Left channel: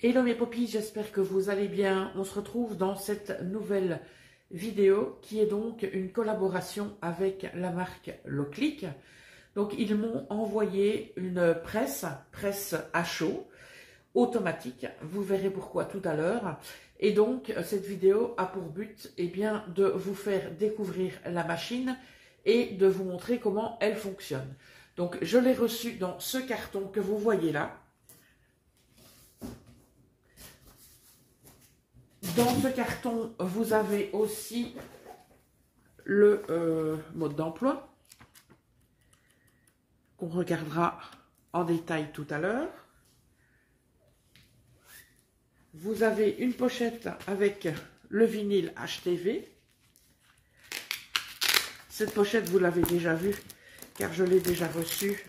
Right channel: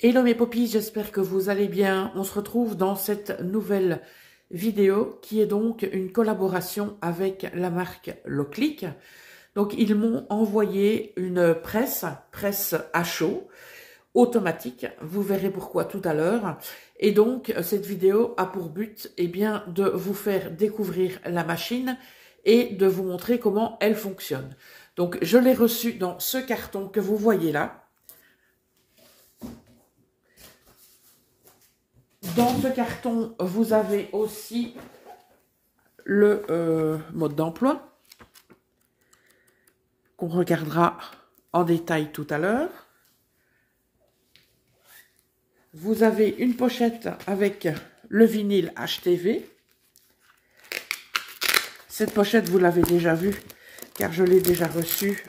Hello mes poppies, j'espère que vous allez bien. On se retrouve dans cette nouvelle vidéo qui est donc une collaboration avec la marque Loclic. Donc ils m'ont envoyé une presse à chaud, automatique. Vous verrez pourquoi tout à l'heure. Et donc cette vidéo a pour but bien, de vous faire découvrir la machine et de vous montrer comment elle fonctionne. Donc je l'ai reçue dans ce carton que vous voyez là. Dans ce carton, vous avez aussi le mode d'emploi qu'on regardera en détail tout à l'heure. Vous avez une pochette avec le vinyle HTV. Cette pochette, vous l'avez déjà vue car je l'ai déjà reçue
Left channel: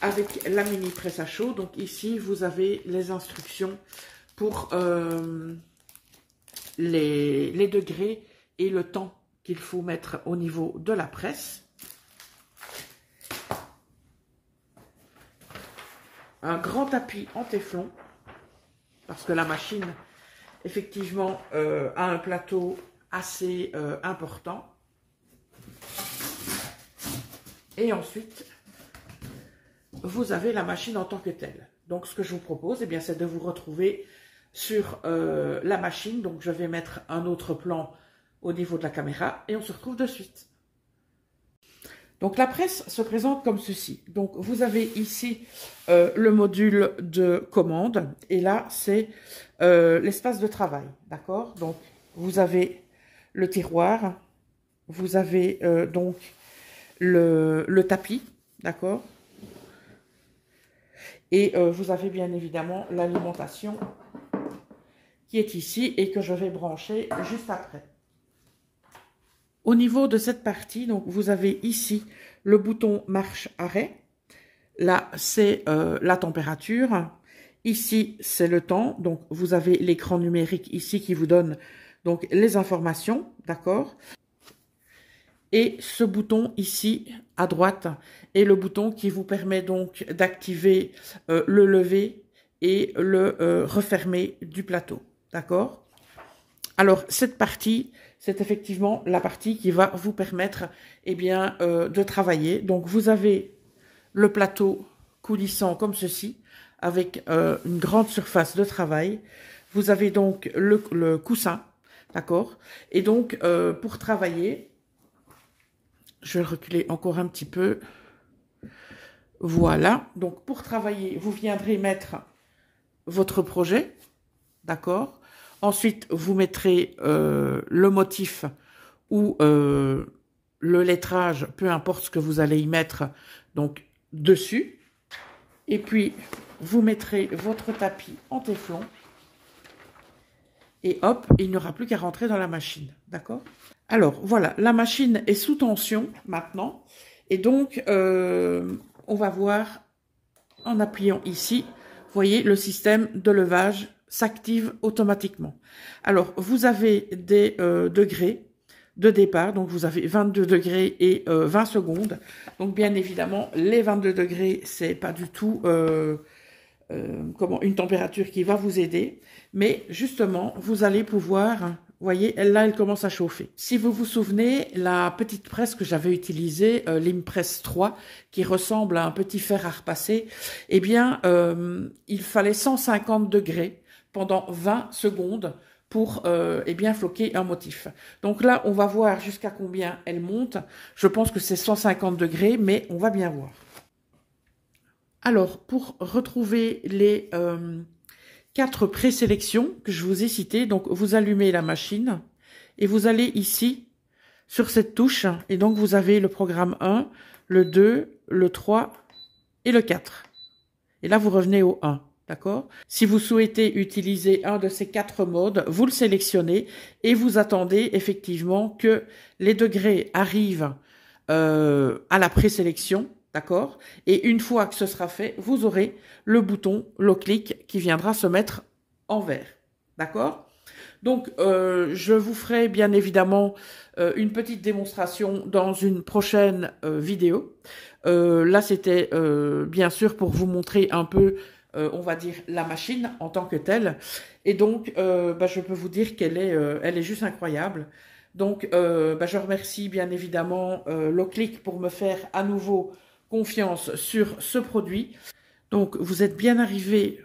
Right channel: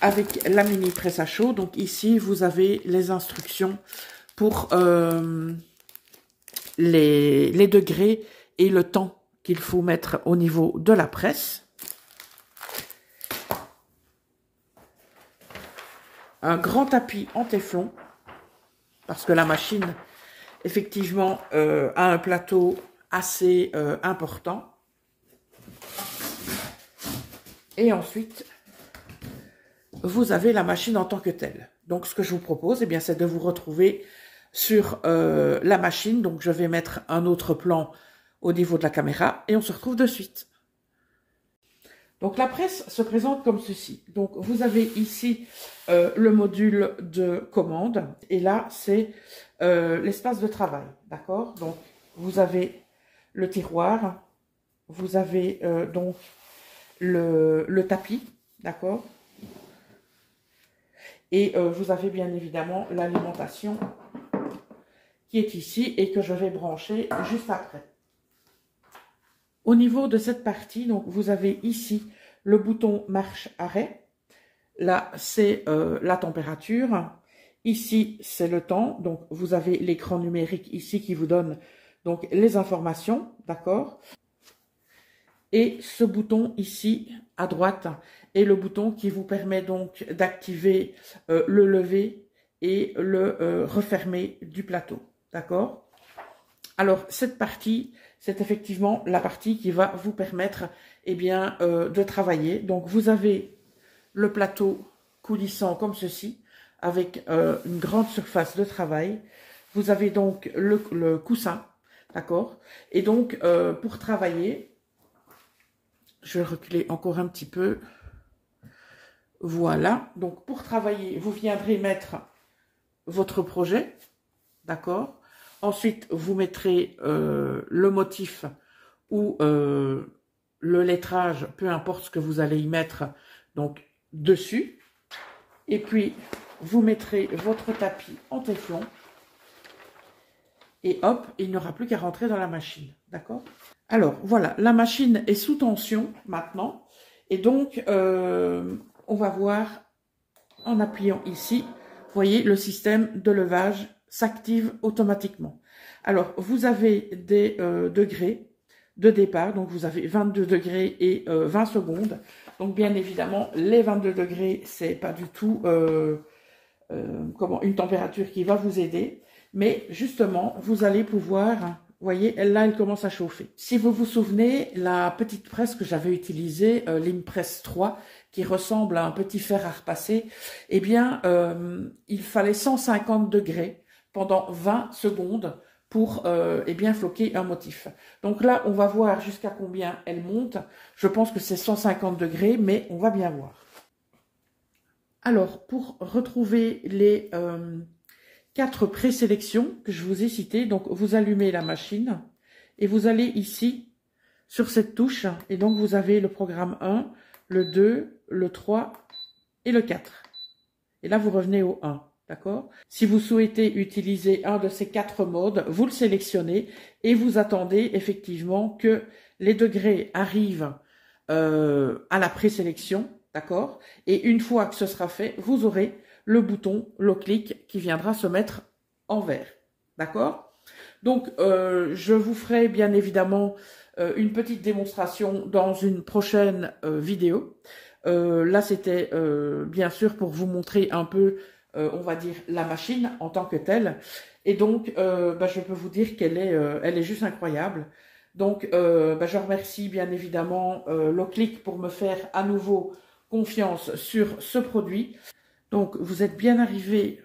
avec la mini presse à chaud. Donc ici, vous avez les instructions pour les degrés et le temps qu'il faut mettre au niveau de la presse. Un grand tapis en téflon, parce que la machine, effectivement, a un plateau assez important. Et ensuite, vous avez la machine en tant que telle. Donc, ce que je vous propose, c'est de vous retrouver sur la machine. Donc, je vais mettre un autre plan au niveau de la caméra et on se retrouve de suite. Donc, la presse se présente comme ceci. Donc, vous avez ici le module de commande et là, c'est l'espace de travail. D'accord? Donc, vous avez le tiroir, vous avez donc le tapis. D'accord? Et vous avez bien évidemment l'alimentation qui est ici et que je vais brancher juste après. Au niveau de cette partie, donc vous avez ici le bouton marche-arrêt. Là, c'est la température. Ici, c'est le temps. Donc, vous avez l'écran numérique ici qui vous donne donc les informations. D'accord? Et ce bouton ici à droite est le bouton qui vous permet donc d'activer le lever et le refermer du plateau. D'accord? Alors, cette partie, c'est effectivement la partie qui va vous permettre de travailler. Donc, vous avez le plateau coulissant comme ceci, avec une grande surface de travail. Vous avez donc le coussin, d'accord? Et donc, pour travailler, je vais reculer encore un petit peu. Voilà. Donc, pour travailler, vous viendrez mettre votre projet. D'accord? Ensuite, vous mettrez le motif ou le lettrage, peu importe ce que vous allez y mettre, donc dessus. Et puis, vous mettrez votre tapis en téflon. Et hop, il n'y aura plus qu'à rentrer dans la machine. D'accord? Alors, voilà, la machine est sous tension maintenant. Et donc, on va voir, en appuyant ici, vous voyez, le système de levage s'active automatiquement. Alors, vous avez des degrés de départ. Donc, vous avez 22 degrés et 20 secondes. Donc, bien évidemment, les 22 degrés, c'est pas du tout une température qui va vous aider. Mais justement, vous allez pouvoir... Vous voyez, là, elle commence à chauffer. Si vous vous souvenez, la petite presse que j'avais utilisée, l'Impress 3, qui ressemble à un petit fer à repasser, il fallait 150 degrés pendant 20 secondes pour floquer un motif. Donc là, on va voir jusqu'à combien elle monte. Je pense que c'est 150 degrés, mais on va bien voir. Alors, pour retrouver les... 4 présélections que je vous ai citées. Donc, vous allumez la machine et vous allez ici sur cette touche. Et donc, vous avez le programme 1, le 2, le 3 et le 4. Et là, vous revenez au 1. D'accord? Si vous souhaitez utiliser un de ces 4 modes, vous le sélectionnez et vous attendez effectivement que les degrés arrivent à la présélection. D'accord? Et une fois que ce sera fait, vous aurez le bouton Loclic qui viendra se mettre en vert. D'accord? Donc, je vous ferai bien évidemment une petite démonstration dans une prochaine vidéo. Là, c'était bien sûr pour vous montrer un peu, on va dire, la machine en tant que telle. Et donc, je peux vous dire qu'elle est, elle est juste incroyable. Donc, je remercie bien évidemment Locliq pour me faire à nouveau confiance sur ce produit. Donc, vous êtes bien arrivé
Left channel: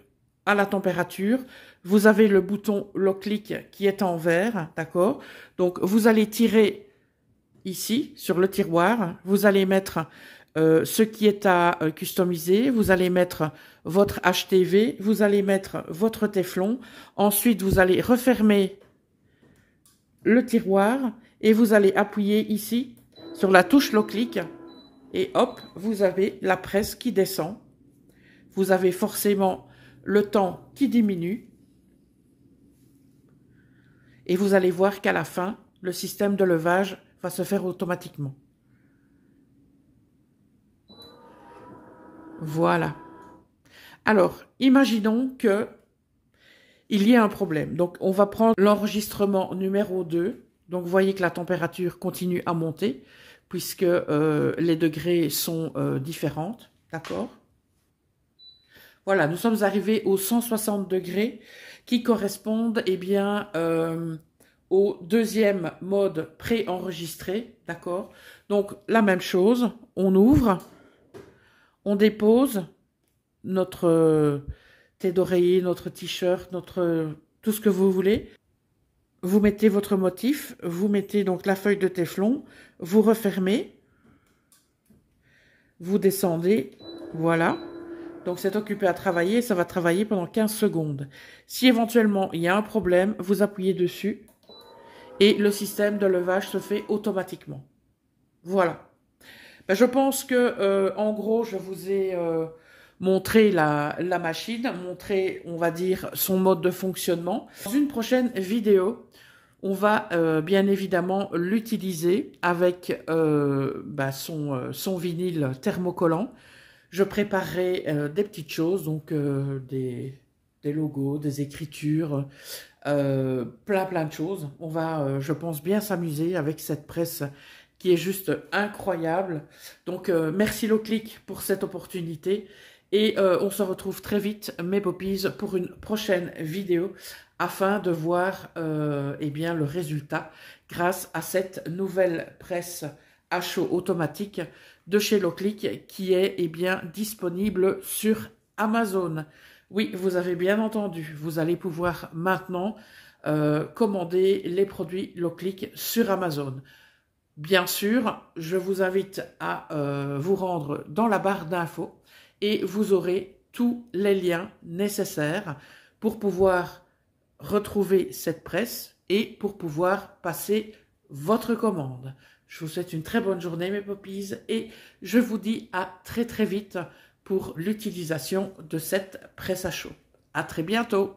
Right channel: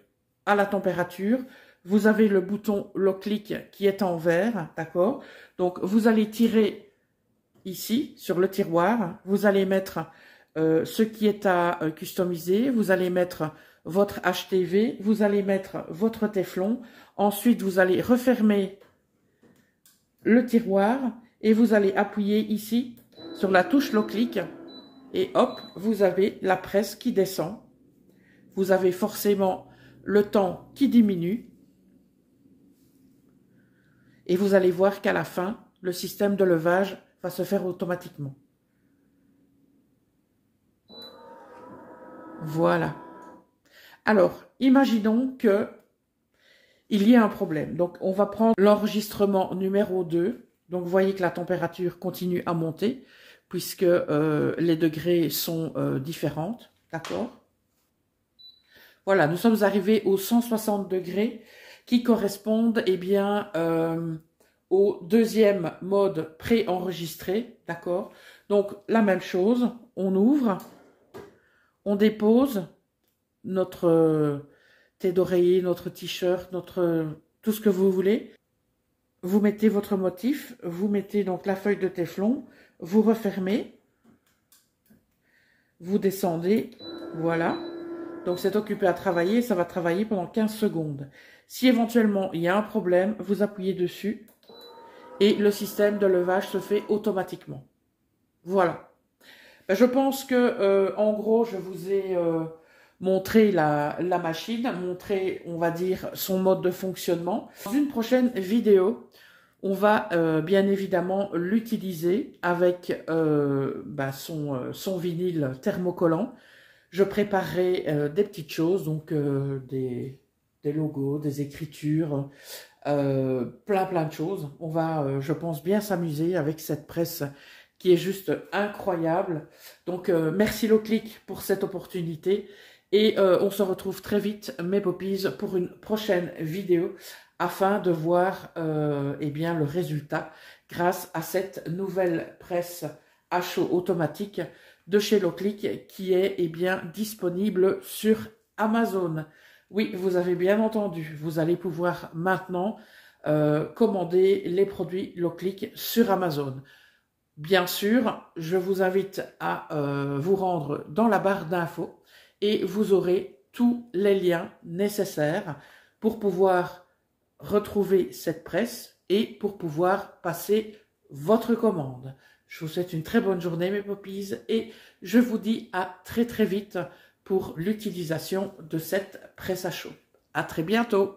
à la température. Vous avez le bouton Locliq qui est en vert, d'accord? Donc, vous allez tirer ici, sur le tiroir. Vous allez mettre ce qui est à customiser. Vous allez mettre votre HTV. Vous allez mettre votre téflon. Ensuite, vous allez refermer le tiroir et vous allez appuyer ici sur la touche Locliq. Et hop, vous avez la presse qui descend. Vous avez forcément le temps qui diminue. Et vous allez voir qu'à la fin, le système de levage va se faire automatiquement. Voilà. Alors, imaginons que il y ait un problème. Donc, on va prendre l'enregistrement numéro 2. Donc, vous voyez que la température continue à monter puisque les degrés sont différentes. D'accord? Voilà, nous sommes arrivés aux 160 degrés qui correspondent au deuxième mode préenregistré, d'accord? Donc, la même chose, on ouvre, on dépose notre thé d'oreiller, notre t-shirt, tout ce que vous voulez. Vous mettez votre motif, vous mettez donc la feuille de téflon, vous refermez, vous descendez, voilà. Donc, c'est occupé à travailler, ça va travailler pendant 15 secondes. Si éventuellement il y a un problème, vous appuyez dessus et le système de levage se fait automatiquement. Voilà. Je pense que, en gros, je vous ai montré la machine, montré, on va dire, son mode de fonctionnement. Dans une prochaine vidéo, on va bien évidemment l'utiliser avec son vinyle thermocollant. Je préparerai des petites choses, donc des logos, des écritures, plein de choses. On va, je pense, bien s'amuser avec cette presse qui est juste incroyable. Donc, merci Locliq pour cette opportunité. Et on se retrouve très vite, mes poppies, pour une prochaine vidéo afin de voir le résultat grâce à cette nouvelle presse à chaud automatique de chez Locliq qui est disponible sur Amazon. Oui, vous avez bien entendu, vous allez pouvoir maintenant commander les produits Locliq sur Amazon. Bien sûr, je vous invite à vous rendre dans la barre d'infos et vous aurez tous les liens nécessaires pour pouvoir retrouver cette presse et pour pouvoir passer votre commande. Je vous souhaite une très bonne journée, mes poppies, et je vous dis à très vite pour l'utilisation de cette presse à chaud. À très bientôt.